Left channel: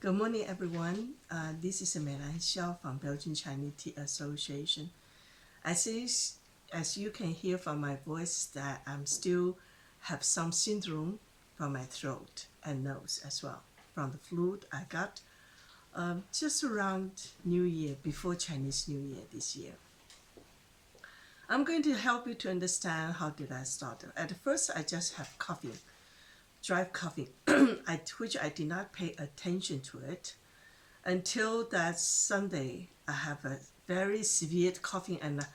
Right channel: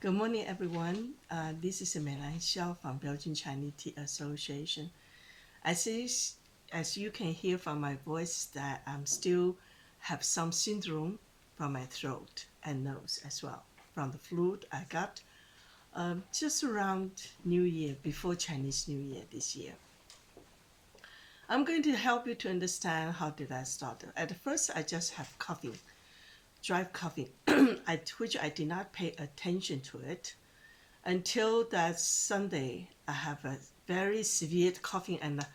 Good morning, everyone. This is Meilan Xiao from Belgian Chinese Tea Association. As is, as you can hear from my voice, that I'm still have some syndrome from my throat and nose as well from the flu I got just around New Year, before Chinese New Year this year. I'm going to help you to understand how did I start. At first, I just have coughing, dry coughing, which I did not pay attention to it until that Sunday. I have a very severe coughing, and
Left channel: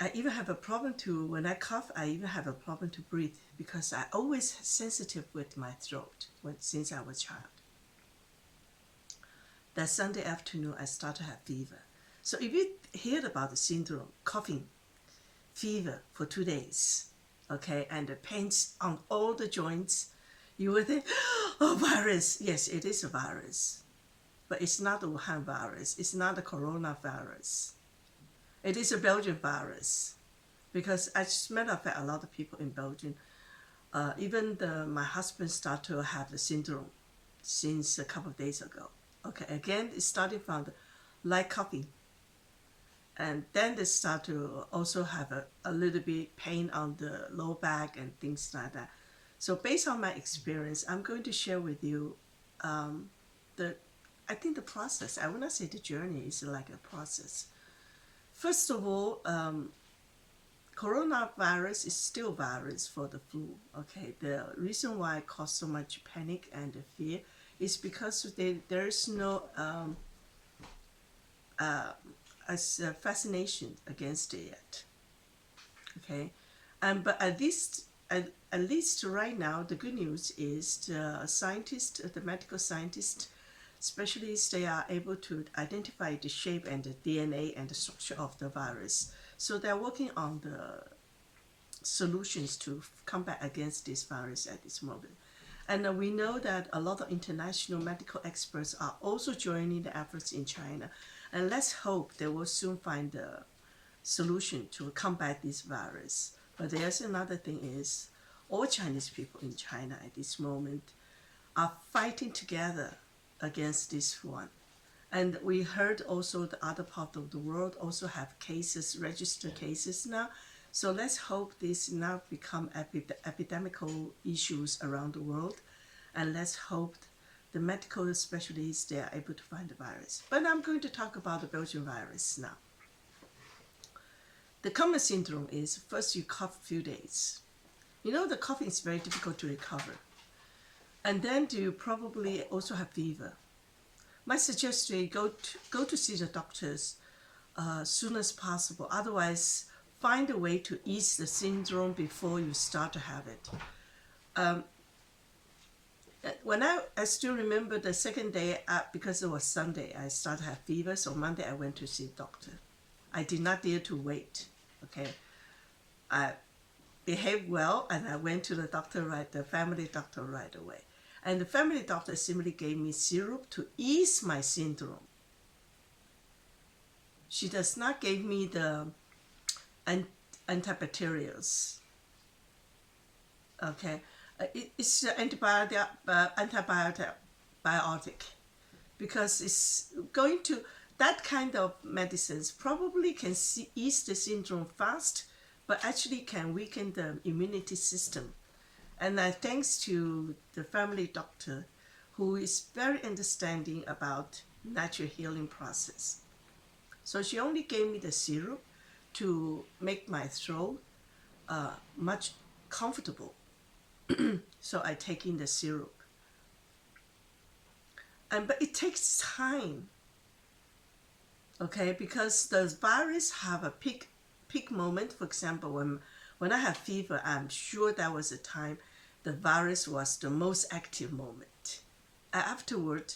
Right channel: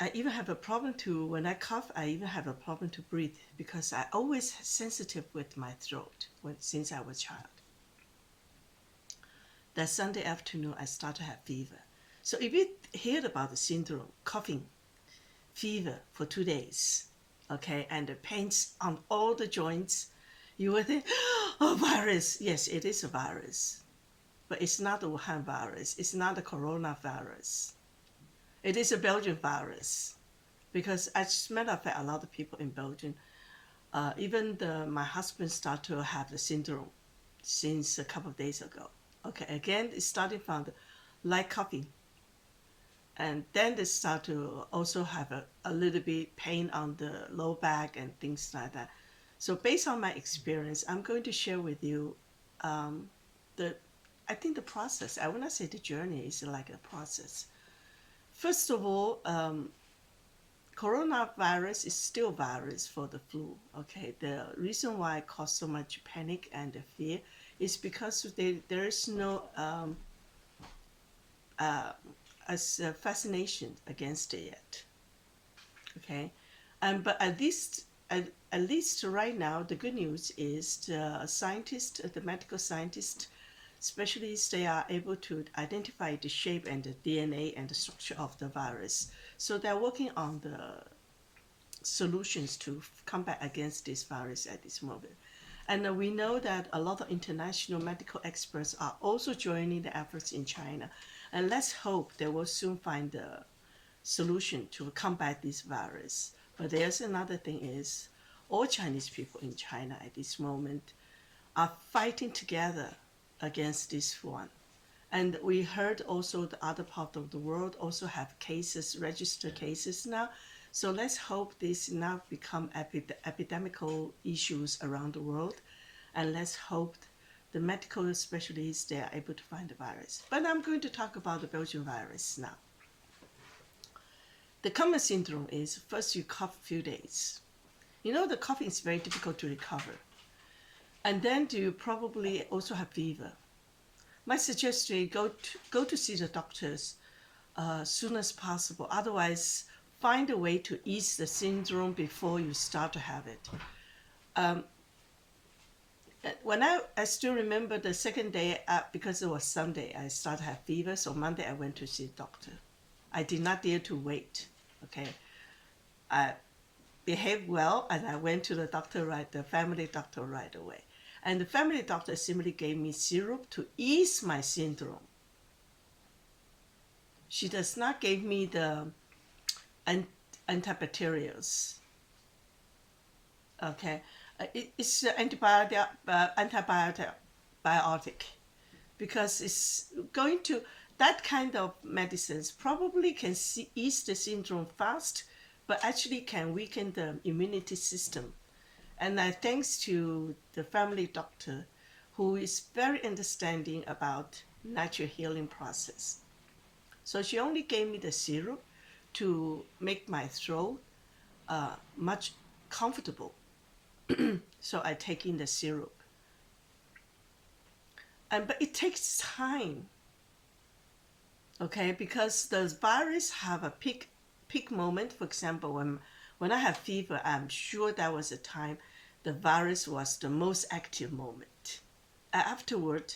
I even have a problem to, when I cough, I even have a problem to breathe because I always sensitive with my throat since I was a child. That Sunday afternoon, I started to have fever. So if you heard about the syndrome, coughing, fever for 2 days, okay, and the pains on all the joints, you would think, oh, virus. Yes, it is a virus, but it's not the Wuhan virus. It's not the coronavirus. It is a Belgian virus because, as a matter of fact, a lot of people in Belgium, even my husband started to have the syndrome since a couple of days ago. Okay, again, it's starting from the light coughing, and then they start to also have a little bit pain on the low back and things like that. So based on my experience, I'm going to share with you the I think the process. I will not say the journey is like a process. First of all, coronavirus is still virus for the flu. Okay, the reason why it caused so much panic and fear is because there is no fascination against it yet. Okay, but at least right now, the good news is the scientists, the medical scientists, specialists, they are able to identify the shape and the DNA and the structure of the virus. So they're working on the solutions to combat against this virus at this moment. And we know that a lot of international medical experts are also joining the efforts in China. And let's hope they will soon find a solution to combat this virus. But there's another thing is, all Chinese people in China at this moment are fighting together against this one. And we heard also the other part of the world also have cases, registered cases now. So let's hope this now become epidemical issues around the world. And let's hope the medical specialists, they are able to find the virus. But I'm going to talk about the Belgian virus now. The common syndrome is first you cough a few days. You know, the coughing is very difficult to recover. And then you probably also have fever. My suggestion, go to see the doctors as soon as possible. Otherwise, find a way to ease the syndrome before you start to have it. When I still remember the second day, because it was Sunday, I started to have fever. So Monday I went to see the doctor. I did not dare to wait. Okay, I behaved well and I went to the family doctor right away. And the family doctor simply gave me syrup to ease my syndrome. She does not give me the antibacterials. Okay, it's antibiotic, because it's going to, that kind of medicines probably can ease the syndrome fast, but actually can weaken the immunity system. And thanks to the family doctor, who is very understanding about natural healing process. So she only gave me the syrup to make my throat much comfortable. So I take in the syrup. But it takes time, okay, because the virus have a peak moment. For example, when I have fever, I'm sure that was a time the virus was the most active moment. Afterward,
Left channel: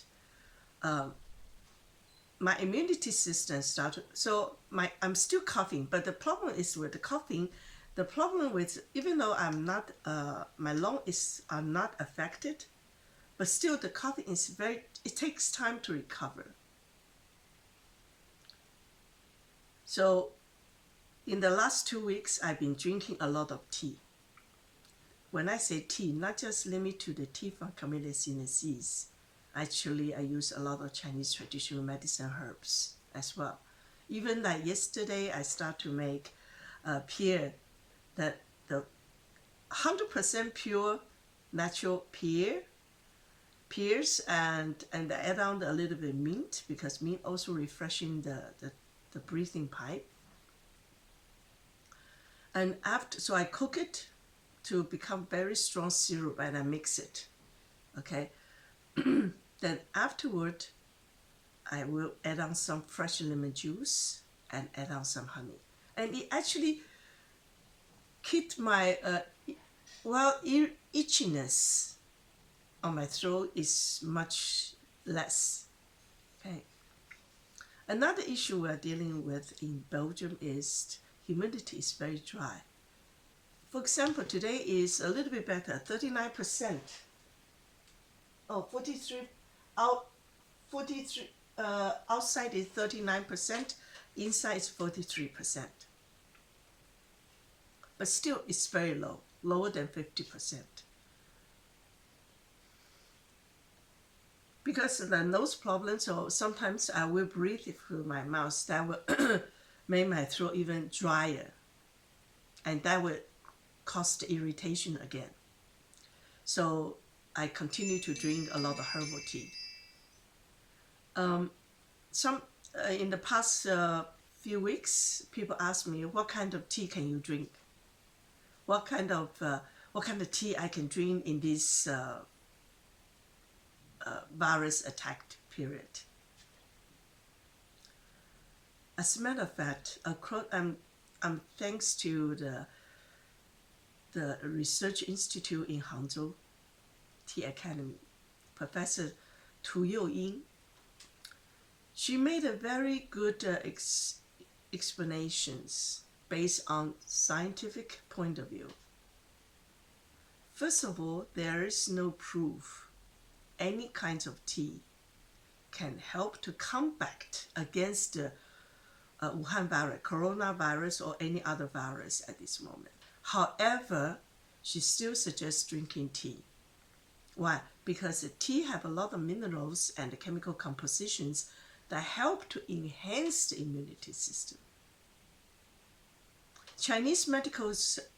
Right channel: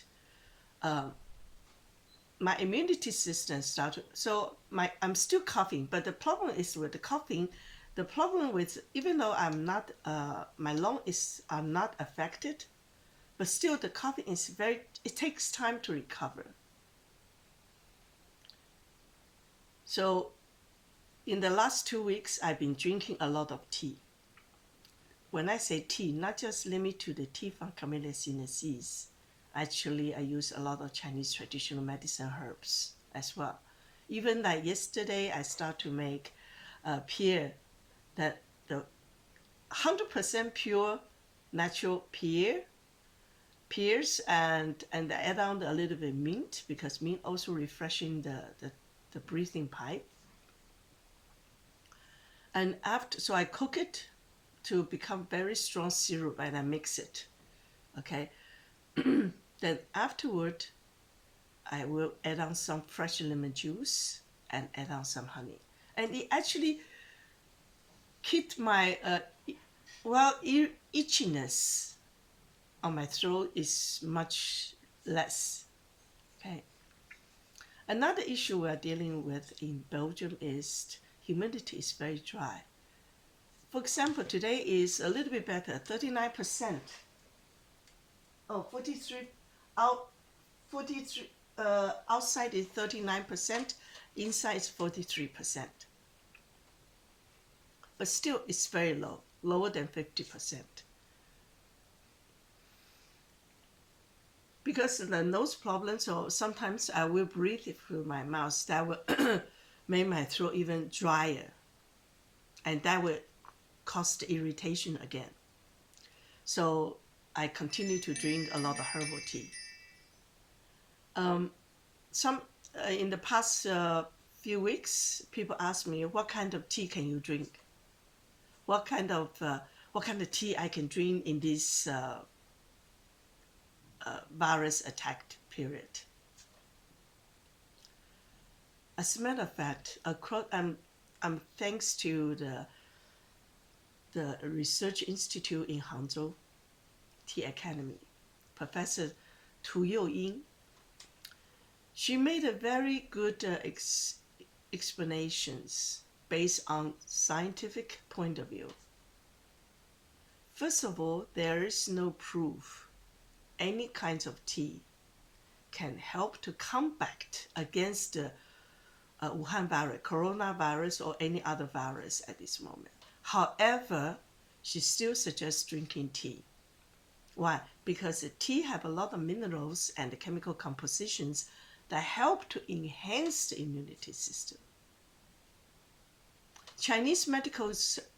my immunity system started. So I'm still coughing, but the problem is with the coughing. The problem with, even though I'm not, my lungs are not affected, but still the coughing is it takes time to recover. So in the last 2 weeks, I've been drinking a lot of tea. When I say tea, not just limit to the tea from Camellia sinensis. Actually, I use a lot of Chinese traditional medicine herbs as well. Even like yesterday, I start to make pear, that the 100% pure natural pears, and I add on a little bit mint, because mint also refreshing the breathing pipe. And after, so I cook it to become very strong syrup, and I mix it. Okay. Then afterward, I will add on some fresh lemon juice and add on some honey. And it actually keep my itchiness on my throat is much less. Okay. Another issue we're dealing with in Belgium is humidity is very dry. For example, today is a little bit better, 39%. Oh, 43 out 43 outside is 39%, inside is 43%. But still it's very low, lower than 50%. Because of the nose problems, or sometimes I will breathe through my mouth, that will make my throat even drier. And that will cause the irritation again. So I continue to drink a lot of herbal tea. In the past few weeks, people ask me, what kind of tea can you drink? What kind of tea I can drink in this virus attacked period? As a matter of fact, I'm thanks to the Research Institute in Hangzhou Tea Academy, Professor Tu Youying. She made a very good explanations based on scientific point of view. First of all, there is no proof any kinds of tea can help to combat against the Wuhan virus, coronavirus, or any other virus at this moment. However, she still suggests drinking tea. Why? Because the tea have a lot of minerals and chemical compositions that help to enhance the immunity system. Chinese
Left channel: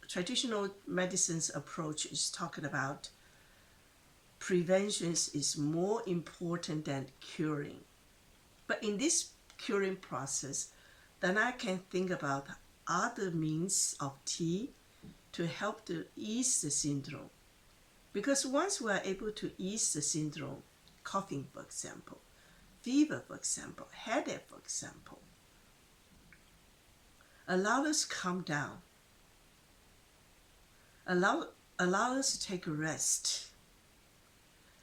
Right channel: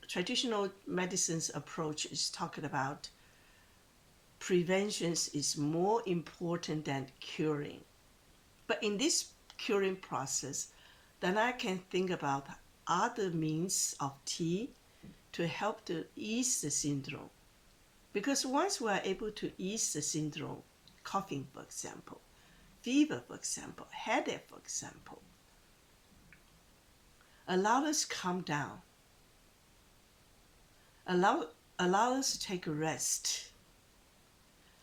traditional medicine's approach is talking about prevention is more important than curing. But in this curing process, then I can think about other means of tea to help to ease the syndrome. Because once we are able to ease the syndrome, coughing, for example, fever, for example, headache, for example, allow us to calm down, allow us to take a rest,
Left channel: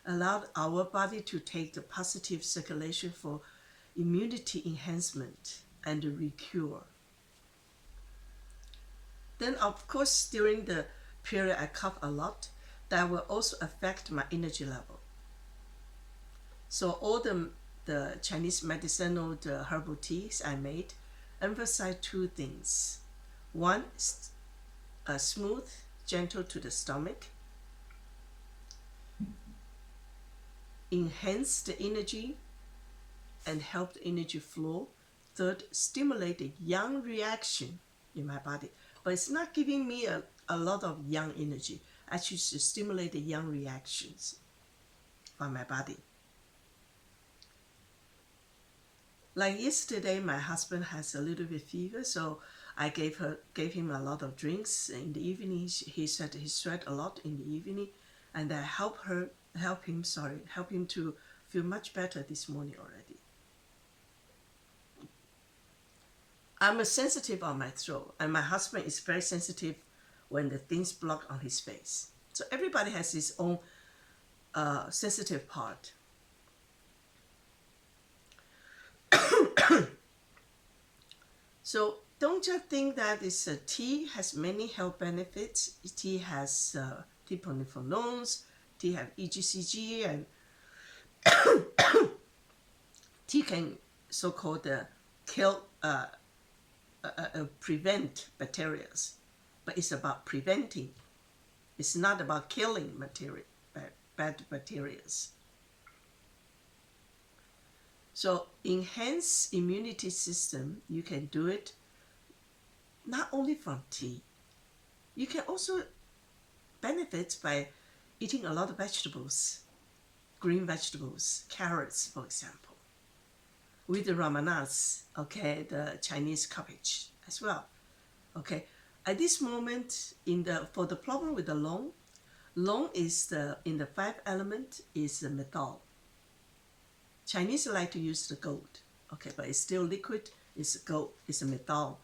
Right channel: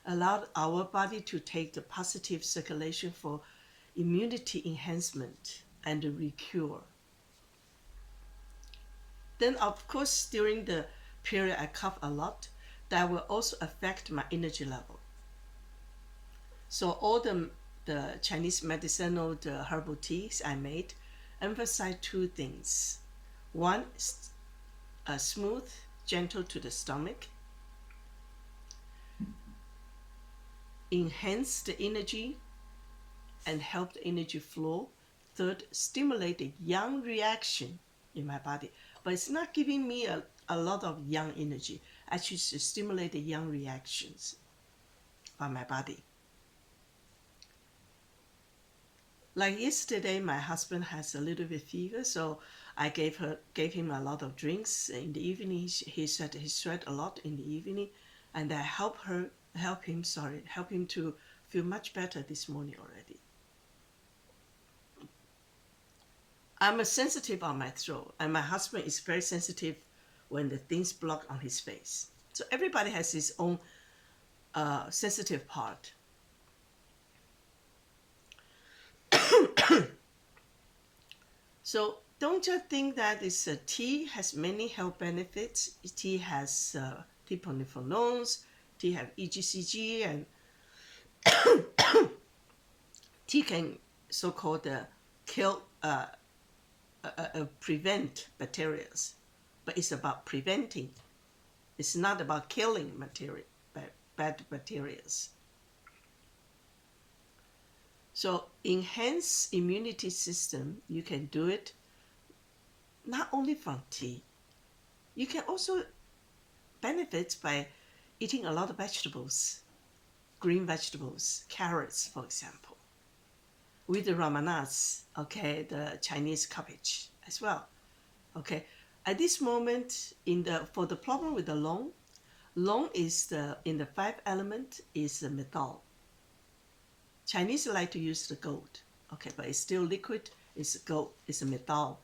allow our body to take the positive circulation for immunity enhancement and recure. Then, of course, during the period I cough a lot, that will also affect my energy level. So all the Chinese medicinal, the herbal teas I made, emphasize two things. One is smooth, gentle to the stomach, enhance the energy and help the energy flow. Third, stimulate the yang reaction in my body. But it's not giving me a lot of yang energy. Actually, to stimulate the yang reactions from my body. Like yesterday, my husband has a little bit fever, so I gave him a lot of drinks in the evening. He said he sweat a lot in the evening, and I help him to feel much better this morning already. I'm sensitive on my throat, and my husband is very sensitive when the things block on his face. So everybody has his own sensitive part. So don't just think that tea has many health benefits. Tea has polyphenols, tea have EGCG, and tea can so-called kill, prevent bacteria. But it's about preventing. It's not about killing bad bacteria. So enhance immunity system, you can do it not only from tea. You can also benefit by eating a lot of vegetables, green vegetables, carrots, for example, with the ramanas, okay, the Chinese cabbage as well, okay. At this moment, for the problem with the long is in the five element is the metal. Chinese like to use the gold, okay, but it's still liquid. It's gold. It's a metal,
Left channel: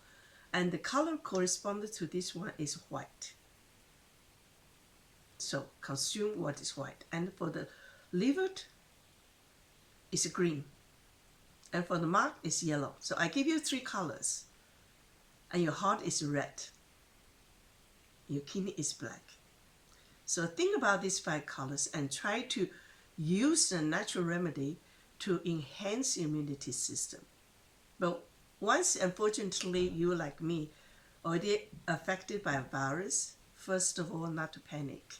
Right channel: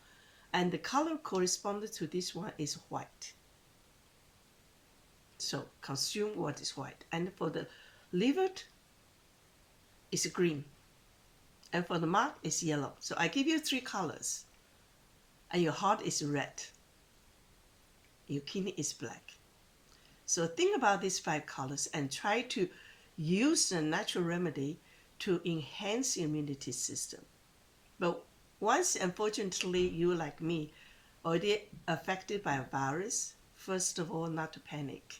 and the color corresponding to this one is white. So consume what is white. And for the liver, it's green, and for the mark, it's yellow. So I give you three colors, and your heart is red. Your kidney is black. So think about these five colors and try to use the natural remedy to enhance immunity system. But once, unfortunately, you like me, already affected by a virus, first of all, not to panic.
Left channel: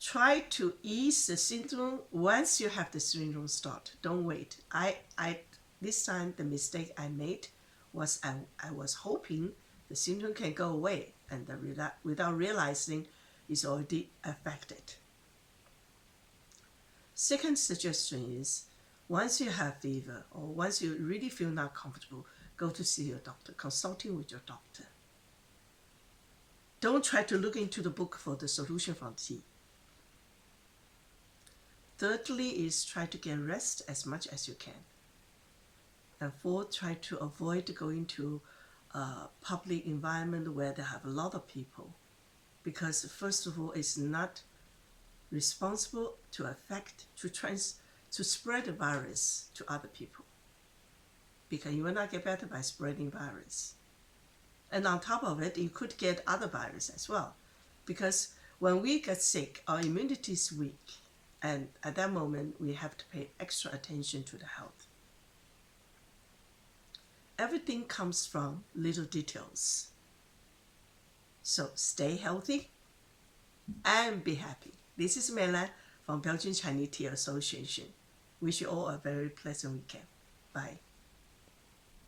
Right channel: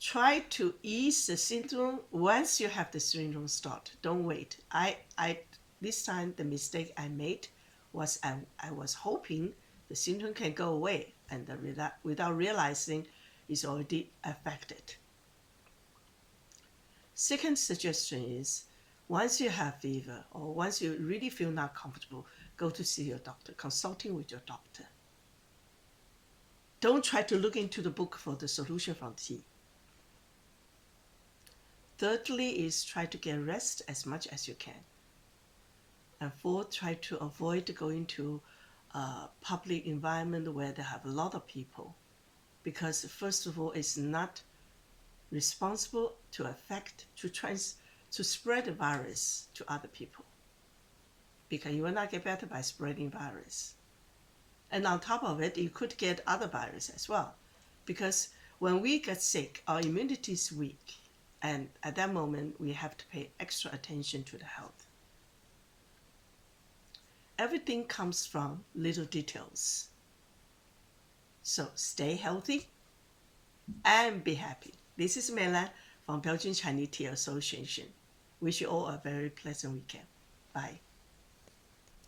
Try to ease the syndrome once you have the syndrome start. Don't wait. This time the mistake I made was I was hoping the syndrome can go away, and without realizing it's already affected. Second suggestion is, once you have fever or once you really feel not comfortable, go to see your doctor, consulting with your doctor. Don't try to look into the book for the solution from tea. Thirdly is try to get rest as much as you can. And fourth, try to avoid going to a public environment where they have a lot of people, because first of all, it's not responsible to spread the virus to other people, because you will not get better by spreading virus. And on top of it, you could get other virus as well, because when we get sick, our immunity is weak, and at that moment, we have to pay extra attention to the health. Everything comes from little details. So stay healthy and be happy. This is Meilan from Belgian Chinese Tea Association. Wish you all a very pleasant weekend. Bye.